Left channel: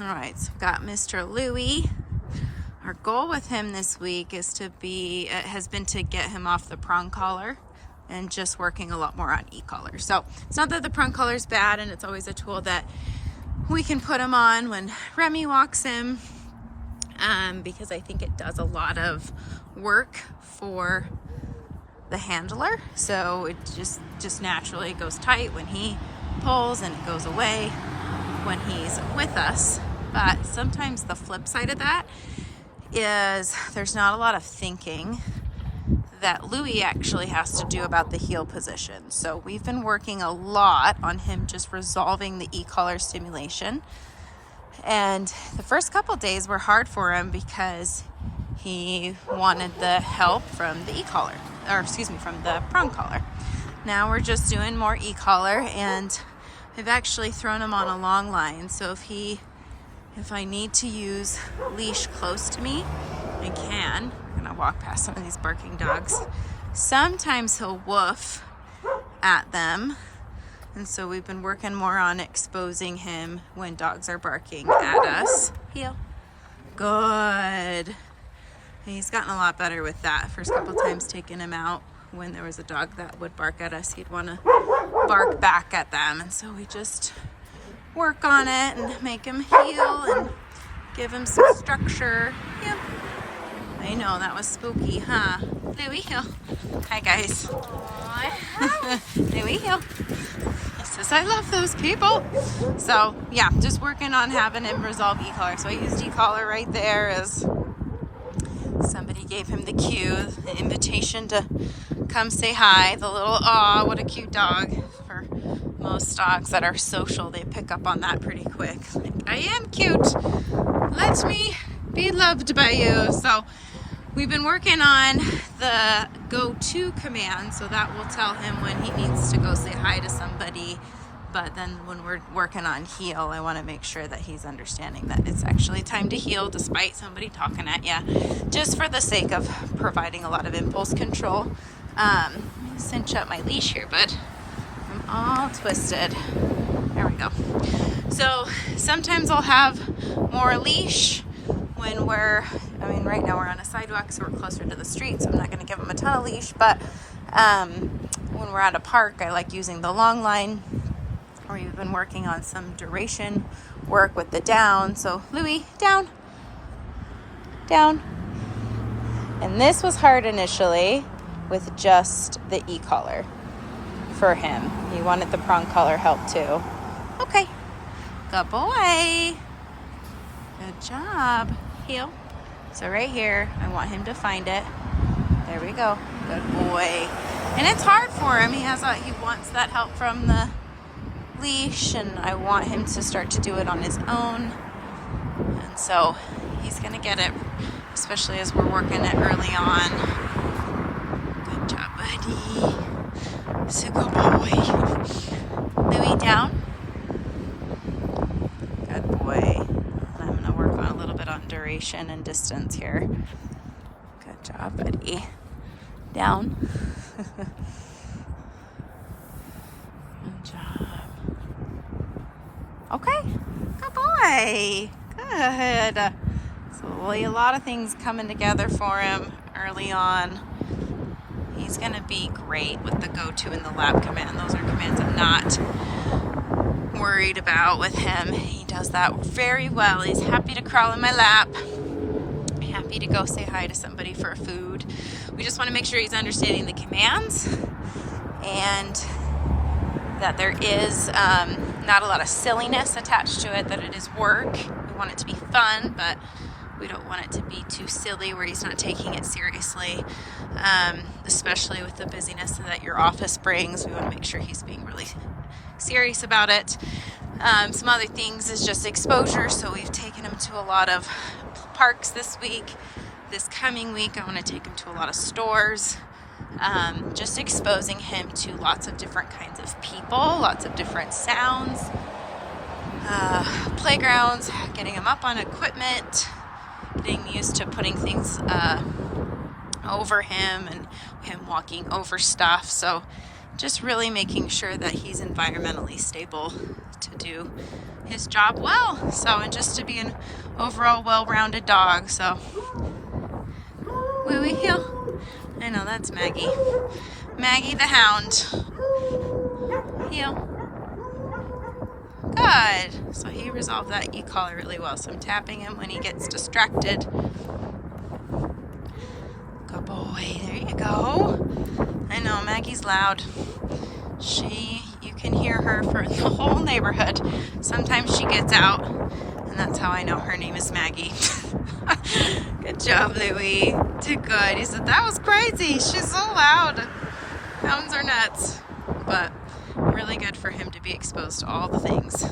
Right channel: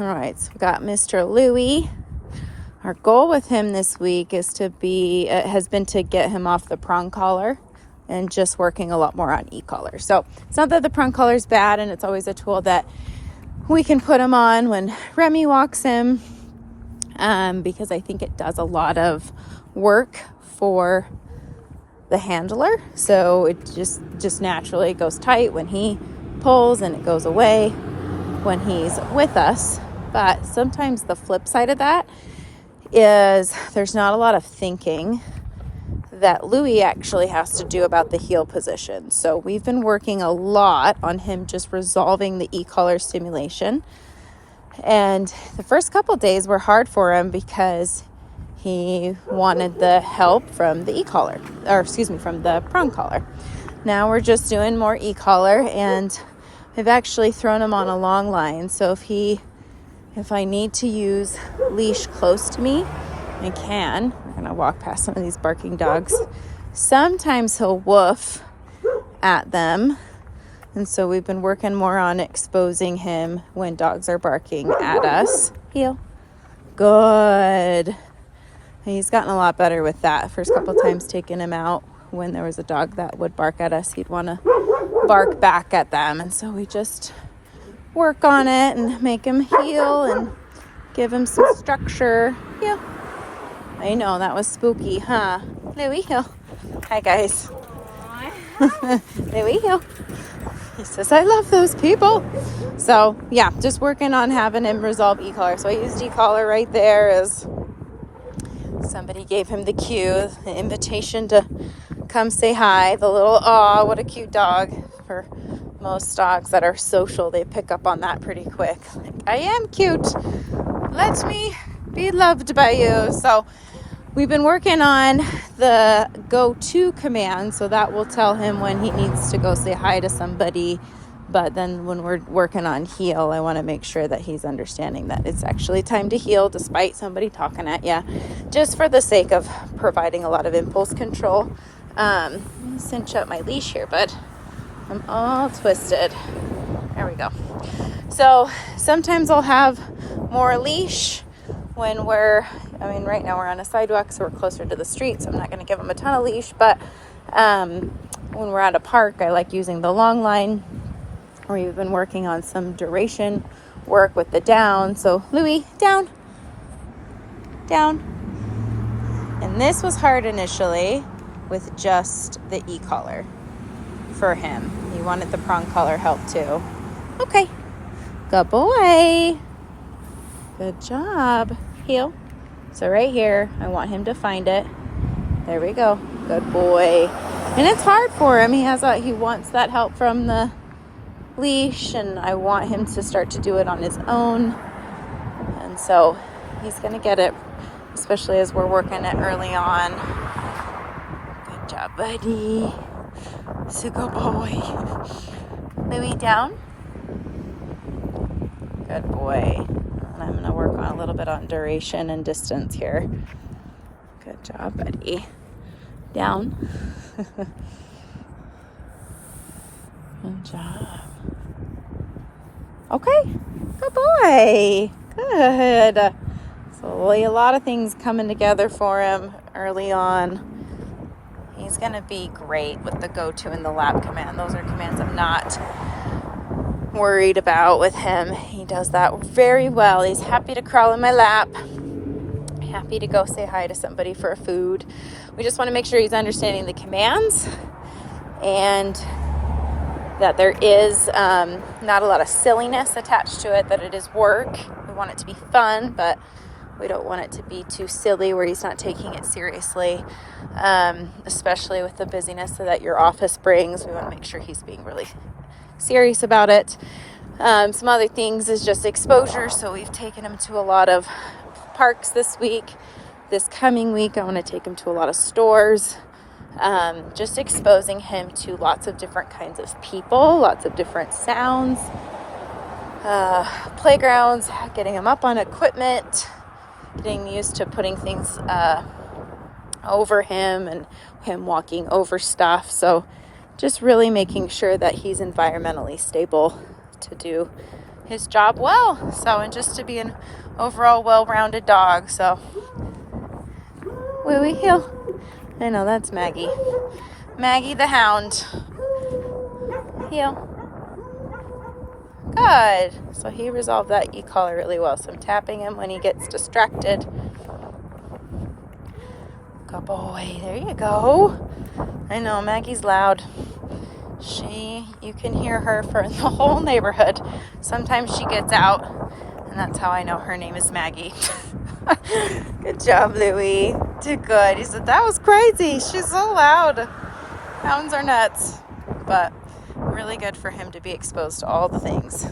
All right, so we got Mr. Louie. Our goal with him this week has been to get him off the prong collar and just working a lot more on e-collar. So it's not that the prong collar is bad, and it's always a tool that we can put him on when Remy walks him, because I think it does a lot of work for the handler. So it just naturally goes tight when he pulls, and it goes away when he's with us. But sometimes the flip side of that is there's not a lot of thinking that Louie actually has to do about the heel position. So we've been working a lot on him just resolving the e-collar stimulation. And the first couple days were hard for him because he wanted the help from the e-collar, from the prong collar. Now we're just doing more e-collar, and I've actually thrown him on a long line. So if I need to use leash close to me, I can. We're gonna walk past some of these barking dogs. Sometimes he'll woof at them. And so we've been working more on exposing him when dogs are barking at us. Heel. Good. He's gotten a lot better with that. First couple times taking him out, when there was a dog that would bark at us, he'd want to bark back at them. And so we just work on it and make him heel and give him some structure. Yeah. I know, that was spooky, huh? Louie, heel. Hi, guys. Louie, heel. He says, I love those people. So, yeah, just working on having him resolve e-collar. So I used e-collar right there as somebody gave him the cue, the invitation to come say hi. The little, aw, what a cute dog. For most dogs that are social, they pick up on that pretty quick. Like, I am cute. Let me be loved by you. So we've been working on the go-to command, so that will tell him when he needs to go say hi to somebody. But then when we're working on heel, I want to make sure that he's understanding that it's actually time to heel despite somebody talking at you, just for the sake of providing a lot of impulse control. Let me cinch up my leash here, bud. I'm all twisted. There we go. So sometimes I'll have more leash when right now we're on a sidewalk, so we're closer to the street, so I'm not going to give him a ton of leash. But when we're at a park, I like using the long line. We've been working on some duration work with the down. So Louie, down. And this was hard initially with just the e-collar for him. He wanted the prong collar help too. Okay, good boy. Good job. Heel. So right here, I want him to find it. There we go. Good boy. And it's hard for him. He wants that help from the leash, and I want him to start to do it on his own. And so he's gonna get it, especially as we're working it early on. Good job, buddy. It's a good boy. Louie, down. Good boy. And I'm gonna work on a little bit on duration and distance here. Good job, buddy. Down. Good job. Okay, good boy. Good. So a lot of things coming together for him early on. He's going to be great with the go-to and the lap command. Those are commands I'm not worried about with him. He does that very well. He's happy to crawl in my lap. Happy to go say hi to somebody for a food. We just want to make sure he's understanding the commands, and that there is not a lot of silliness attached to it, that it is work. We want it to be fun, but we don't want it to be too silly where he's not taking it seriously, especially with the busyness that your office brings. We want to make sure he's being really serious about it. Some other things is just exposure. So we've taken him to a lot of parks this week. This coming week, I want to take him to a lot of stores. Just exposing him to lots of different kinds of people, lots of different sounds, playgrounds, getting him up on equipment, getting used to putting things over him and him walking over stuff. So just really making sure that he's environmentally stable to do his job well. So, and just to be an overall well-rounded dog. So, Louie, heel. I know, that's Maggie. Maggie the hound. Heel. Good. So he resolved that e-collar really well. So I'm tapping him when he gets distracted. Good boy. There you go. I know, Maggie's loud. You can hear her for the whole neighborhood. Sometimes she gets out, and that's how I know her name is Maggie. Good job, Louie. Did good. He said, that was crazy. She's so loud. Hounds are nuts. But really good for him to be exposed to all the things.